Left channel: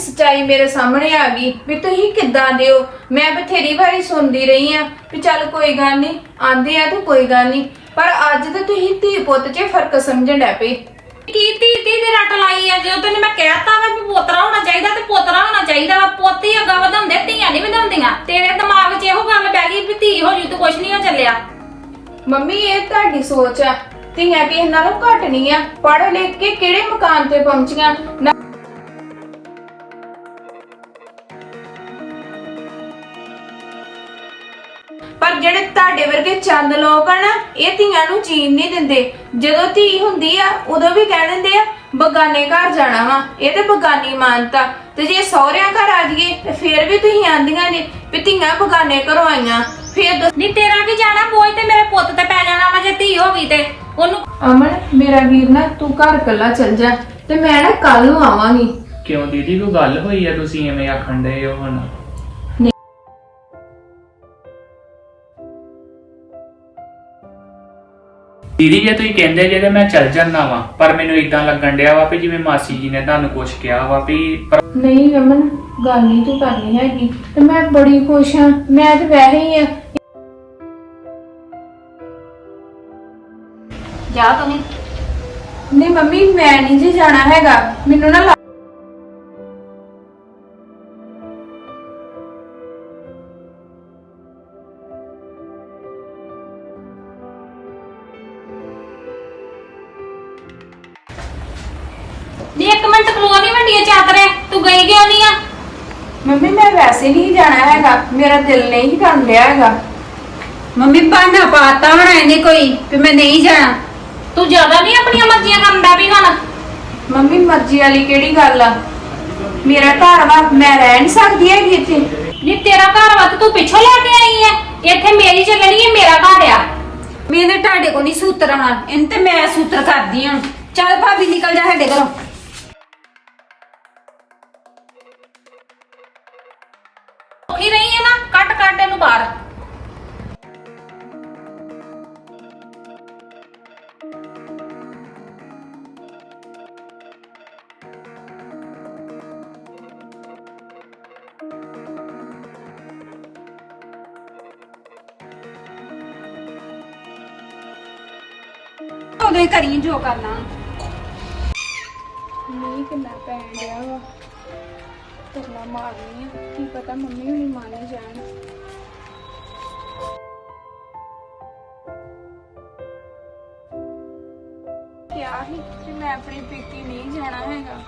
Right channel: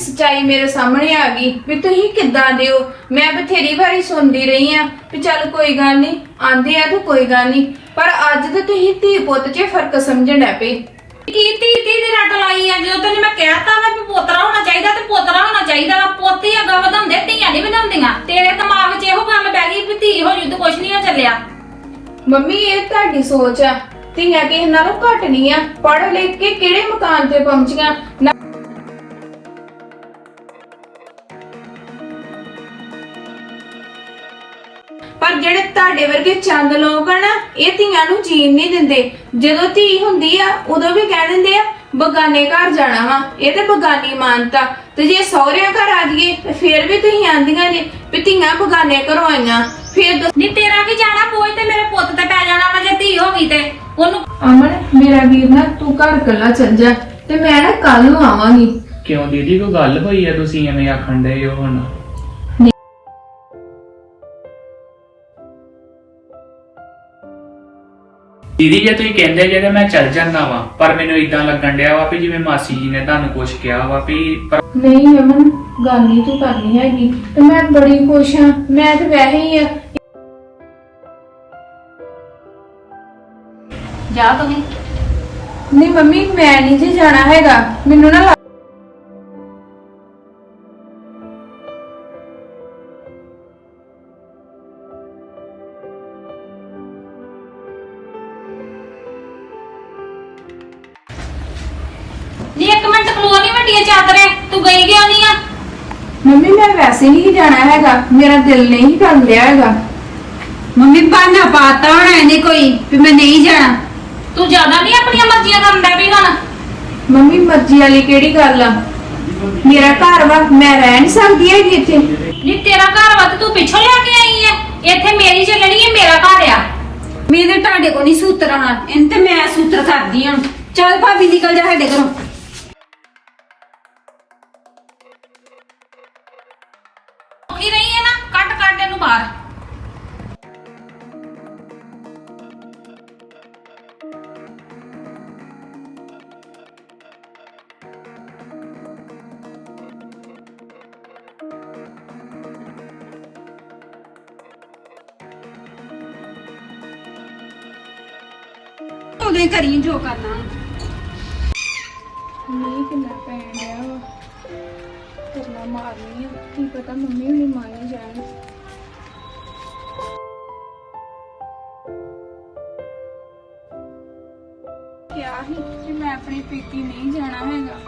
ਸਚਾਈ ਮੇਰੇ ਸਾਹਮਣੇ ਆ ਗਈ ਵੀ ਤੁਸੀਂ ਕਿੱਦਾਂ ਦਿਓ ਮੈਂ ਬਥੇਰੀ ਵਾਰੀ ਸੁਣਦੀ ਰਹੀ ਆ ਵੀ ਚੱਲ ਕੋਈ ਗੱਲ ਨਹੀਂ ਆਂਦੇ ਆ ਤੇ ਕੋਈ ਗੱਲ ਨਹੀਂ ਪਰ ਅੱਜ ਤੇ ਤੁਸੀਂ ਧੀ ਪੁੱਤ 'ਚ ਫ਼ਰਕ ਸਮਝਣ ਲੱਗ ਪਏ। ਕੀ ਤੀ ਤੀ ਦੇ ਰੱਟ ਲਾਈ ਆ? ਜਦੋਂ ਤੈਨੂੰ ਮੈਂ ਕਹਿਤਾ ਵਾ ਵੀ ਪੋਤਰਾ ਹੋਣਾ ਚਾਹੀਦਾ ਤੇ ਪੋਤਰਾ ਹੋਣਾ ਚਾਹੀਦਾ ਵਾ ਪੋਤੀ ਅੱਗਾ ਵਧਾਉਂਦੇ ਧੀਆਂ ਨਹੀਂ ਵਧਾਉਂਦੀਆਂ। ਤੇਰੇ ਦਿਮਾਗ 'ਚ ਇਹੋ ਗੱਲ ਪੈ ਗਈ ਵੀ ਧੀ ਹੋ ਜੂ ਤੇ ਕੁਛ ਨਹੀਂ ਹੋ ਚੱਲਿਆ। ਮੰਮੀ ਇਹ ਤੁਹਾਡੀ ਸੋਚ ਆ। ਧੀਆਂ ਕਿਸੇ ਨਾਲੋਂ ਘੱਟ ਨਹੀਂ ਆ। ਪੜ੍ਹ ਲਿਖ ਕੇ ਕਿਹੜੇ ਮਕਾਨ ਤੇ ਪਹੁੰਚੀਆਂ? ਨਾ- ਪਰ ਜਿਹੜੇ ਤੁਹਾਡੇ ਵਰਗੇ ਚੰਦ ਲੋਕ ਆ ਨਾ ਇਹ ਧੀਆਂ ਨੂੰ ਜੀਣ ਨਹੀਂ ਦਿੰਦੇ। ਜਦੋਂ ਧੀ ਹੁੰਦੀ ਆ ਉਦੋਂ ਵੀ ਕਹਿ ਦਿੰਦੇ ਆ ਬਗਾਨੇ ਘਰ ਜਾਣਾ ਵਾ। ਇਹ ਤੇ ਬਗਾਨੀ ਮਾਨਤਾ। ਤੇ ਜੇ ਸਹੁਰਿਆਂ ਘਰ ਆ ਜਾਈਏ ਤੇ ਫੇਰ ਵੀ ਤੁਸੀਂ ਆਂਦੀਆਂ ਜੇ ਵੀ ਧੀਆਂ ਬਗਾਨੇ ਘਰੋਂ ਆਈਆਂ। ਫੇਰ ਨਹੀਂ ਤੇਰਾ ਕੀ ਜਾਣਾ ਬੋਝ ਤੇ ਮੇਰੇ ਪੁੱਤ ਤੇ ਪੈ ਜਾਣਾ ਵਾ ਜੇ ਧੀ ਹੋ ਗਈ ਤੇ। ਉਹਨੂੰ ਅਮਨ ਮੇਰਾ ਵੀਰ ਨਾ ਤੂੰ ਘਰ ਕੱਲਾ ਚੱਲ ਜਾ ਤੇ ਮੈਂ ਨਾ ਕੱਲ ਨੂੰ ਆਵਾਂਗੀ। ਕਿਉਂ ਦੀਦੀ ਕੋਈ ਗੱਲ ਹੋਈ ਹੈ ਤੁਸੀਂ ਐਵੇਂ ਆਖਣ ਡਏ ਹੋ ਹੁਣ? ਦੀਦੀ ਜੇ ਤੁਸੀਂ ਕਹਿੰਦੇ ਜੇ ਤੇ ਮੈਂ ਚੱਲ ਜਾਂਦਾ ਵਾਂ ਪਰ ਮੈਨੂੰ ਇਦਾਂ ਲੱਗਣ ਡਿਆ ਵਾ ਵੀ ਜਿਵੇਂ ਮਾਸੀ ਜੀ ਨੇ ਤੁਹਾਨੂੰ ਕੁਝ ਕਿਹਾ ਵਾ ਵੀ ਪਰ ਨਹੀਂ ਅਮਨ ਗੱਲ ਨਹੀਂ ਤੂੰ ਕਰਨੀ ਹੈਗੀ ਤੇ ਮੈਂ ਬੜੀ ਖੁਸ਼ ਹਾਂ ਮੈਂ ਤੇ ਵੈਸੇ ਹੀ ਆ। ਜਾ ਤੂੰ ਨਹੀਂ ਮੰਮੀ ਮੈਂ ਨਹੀਂ ਜੀ ਜਾਣਾ ਹੈਗਾ ਮੈਨੂੰ ਨਾ ਚਾਦਰੇ ਤੂੰ ਗਈ ਕਿਉਂ ਨਹੀਂ ਆ? ਮੰਮੀ ਮੈਂ ਵੈਸੇ ਨਹੀਂ ਜਾਣਾ ਹੈਗਾ। ਮੇਰਾ ਦਿਲ ਨਹੀਂ ਕਰ ਰਿਹਾ ਹੈਗਾ। ਮੰਮੀ ਬਾਨਾ ਪਾਤਾ ਹੋਣਾ ਇਹਨੇ ਕੋਈ ਵੀ ਮੈਂ ਨਹੀਂ ਜਾਣਾ। ਤੂੰ ਜ਼ਿਆਦਾ ਨਹੀਂ ਆਪਣੀਆਂ ਮਰਜ਼ੀਆਂ ਕਰਦਾ ਵੀ ਹੁਣ? ਮੰਮੀ ਮਰਜ਼ੀ ਵਾਲੀ ਕਿਹੜੀ ਗੱਲ ਆ? ਮੇਰਾ ਘਰ ਵਾ ਮੈਂ ਰਹਿ ਨਹੀਂ ਸਕਦੀ ਹੈਗੀ ਇੱਥੇ। ਜੀ ਤੇਰਾ ਘਰ ਵਾ ਤੇ ਤੂੰ ਪਿੱਛੋਂ ਲੈ ਕੇ ਆਈ ਐ। ਇੱਥੇ ਮੇਰੀ ਚੱਲਣੀ ਐ ਮੇਰਾ ਘਰ ਆ। ਮੇਰੇ ਤੁਹਾਡੇ ਕੋ ਨਹੀਂ ਸੂਤਰ ਆਉਣਾ। ਇਹਨ ਤੇ ਮੈਂ ਸੂਤਰ ਕਰਦੀ ਹਾਂ। ਚੱਲ ਭਾਬੀ ਨਿਕਲ ਜਾ ਸਾਡੇ ਘਰੋਂ। ਕੱਟ ਕੱਟ ਇਹਨੂੰ ਬਾਹਰ ਹੋ ਗਈ ਕਰੀ ਜੋ ਕਰਨਾ ਨਹੀਂ ਕਿੰਨਾ ਪੈਣ ਡਿਆ ਵਾ ਕਰਨਾ ਮਾਰਨੀ ਆ ਕੀ ਪਤਾ ਮੰਮੀ ਹੁਣੀ ਮੰਨ ਹੀ ਜਾਣ ਕਿਹਾ ਸੀ ਕਿ ਮੈਂ ਆਪਣੀ ਪੇਕੀ ਨਹੀਂ ਜਾਣਾ ਹੈਗਾ।